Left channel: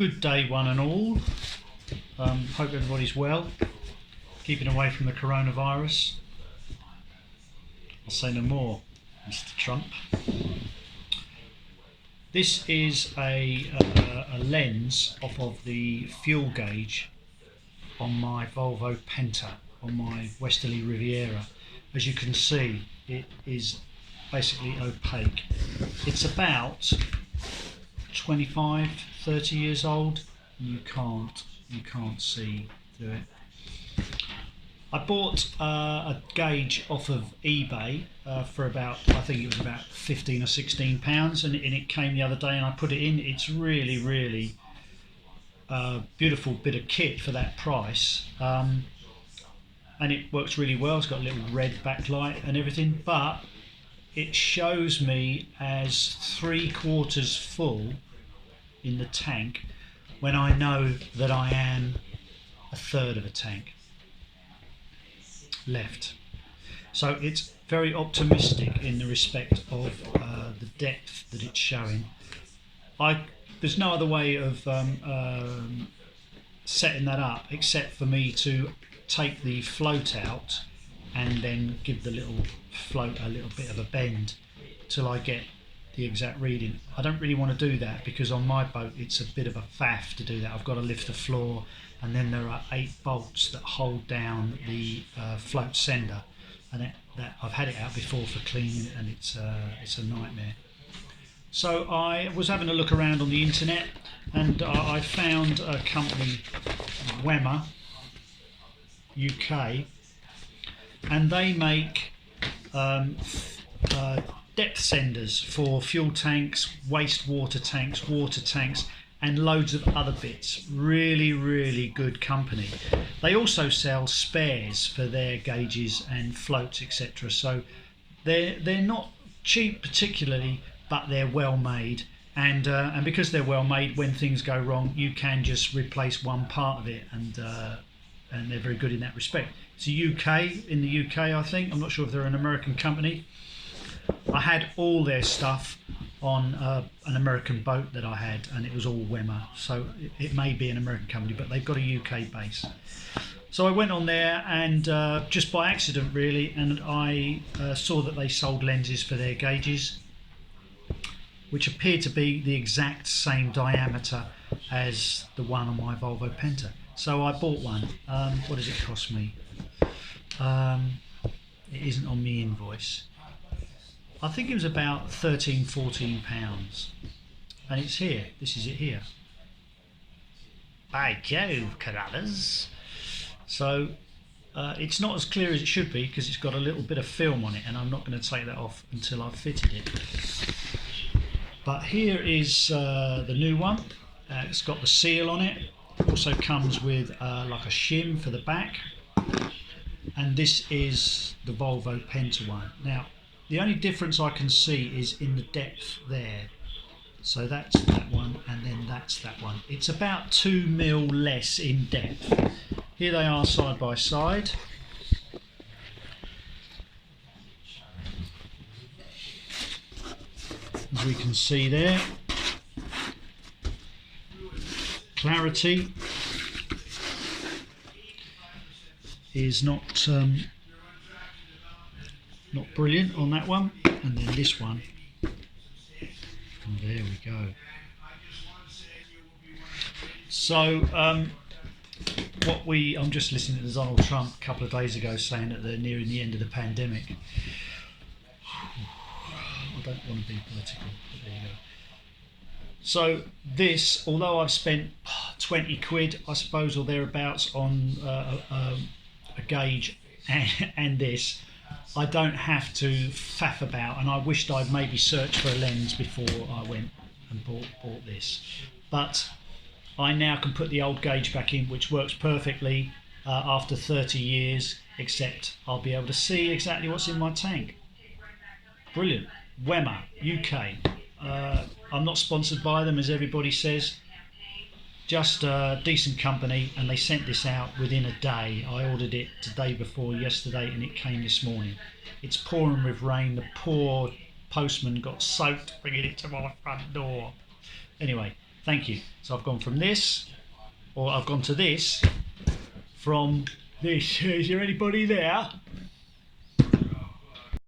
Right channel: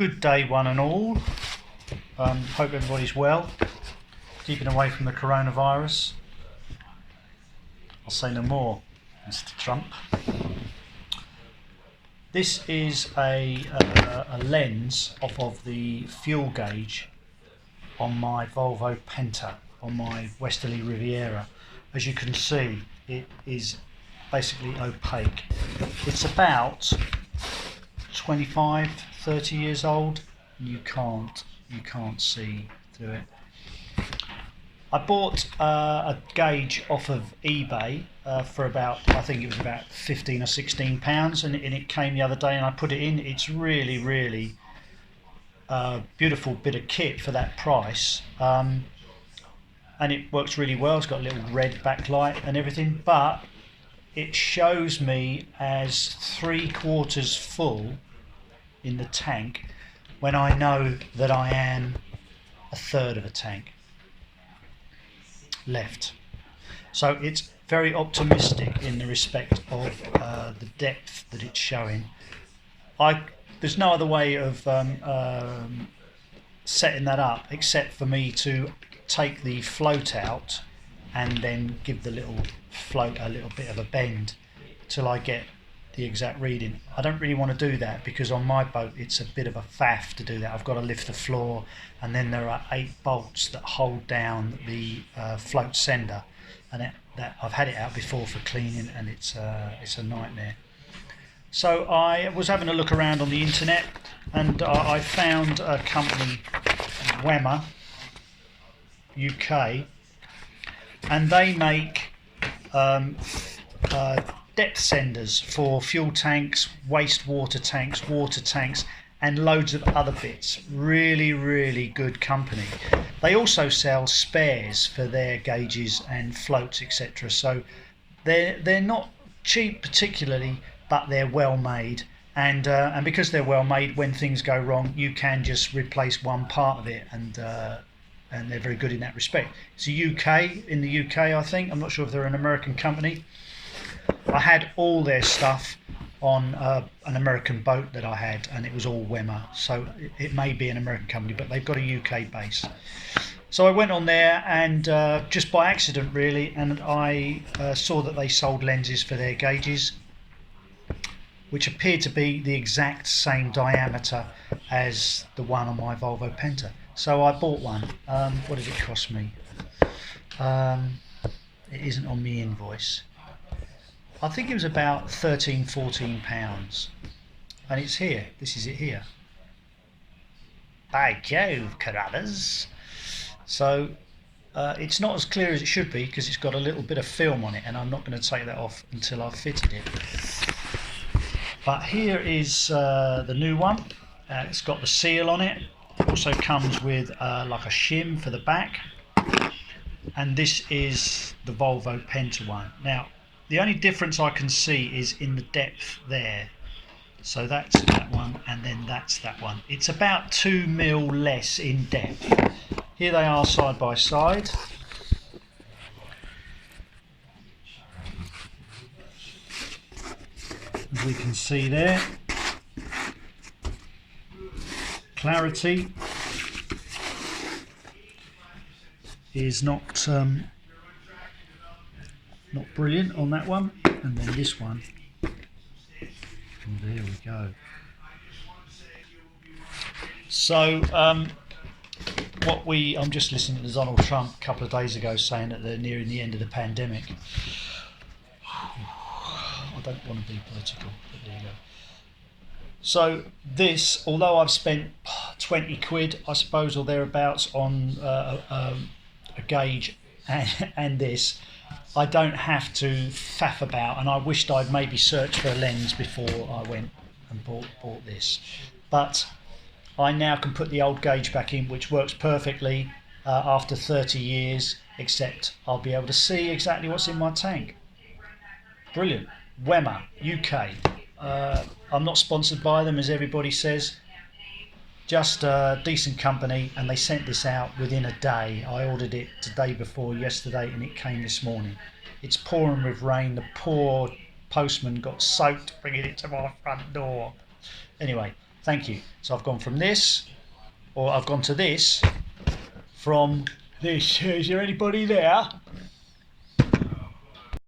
Good day one and all. Hope everybody's well, keeping away from the coronavirus. I'll say no more, Mr. Trump. This is a lens off of the fuel gauge on my Volvo Penta, on my Westerly Riviera. As you can see, it is basically opaque. It's about 25, 30 years old. You can't see through it. I bought a gauge off of eBay for about, I think it was about 15 or 16 pounds, and it came the other day and I put it in. It's really beautiful bit of kit for that price, and it works really well. It's got a little red backlight and everything, but it shows me as 3/4 full in the tank when I know that I am a third of a tank left. So it's very optimistic in the respect of the depth that it's showing. There's no other way of setting that up except for me to take the float out and then give the little float a little bit of a bend till I get the exact reading. I don't really want to do that because on my boat it's a bit of a faff to do that. I've got to lift the floor, and then there are 8 bolts that hold down the float sender, and that I've had it out before for cleaning, and it's a nightmare. So I was having a look around on the internet, and I found a company, Wemmer UK, and they make depth senders for fuel tanks, wastewater tanks, water tanks, and loads of other bits. Really good company. They also sell spares for their gauges and floats, etc. So they're not cheap particularly, but they're well made, and because they're well made, when things go wrong you can just replace one part of it, and they're very good in that respect. It's in the UK, I think. I'm not sure if they're an American company. I had all their stuff on an American boat that I had, and it was all Wemmer, so it may be an American company, but they've got a UK base. So I went on there, and just by accident really, and I saw that they sold lenses for their gauges which appeared to be the exact same diameter as the one on my Volvo Penta. So I bought one. What does it cost me? It isn't on the invoice. I think it was about £13-14, and it's here. This is it here. By Jove, Carruthers. So it's not as clear as it should be because it's got a little bit of film on it, and I'm not going to take that off until I've fitted it. But here is the new one. It's got the seal on it. It also comes with like a shim for the back, and this is the Volvo Penta one. Now the only difference I can see is in the depth there. So that's that one, and then that's that one. It's about 2 mil less in depth. Here they are side by side. As we can see there, clarity is not brilliant on that one, and then this one, and there we go. So I'm just listening to Donald Trump a couple of days ago saying that they're nearing the end of the pandemic. I don't want to be political, but there you go. So this, although I've spent 20 quid, I suppose, or thereabouts on a gauge and this, I don't have to faff about, and I wished I'd maybe searched for a lens before I went and bought this. But I now can put the old gauge back in, which works perfectly after 30 years, except I'll be able to see exactly what's in my tank. Brilliant. Wemmer UK. I'm not sponsored by them, as everybody says. Just a decent company, and they sent this out within a day. I ordered it the day before yesterday, and it came this morning. It's pouring with rain. The poor postman got soaked bringing it to my front door. Anyway, Thank you. So I've gone from this, or I've gone to this, from this. Is there anybody there?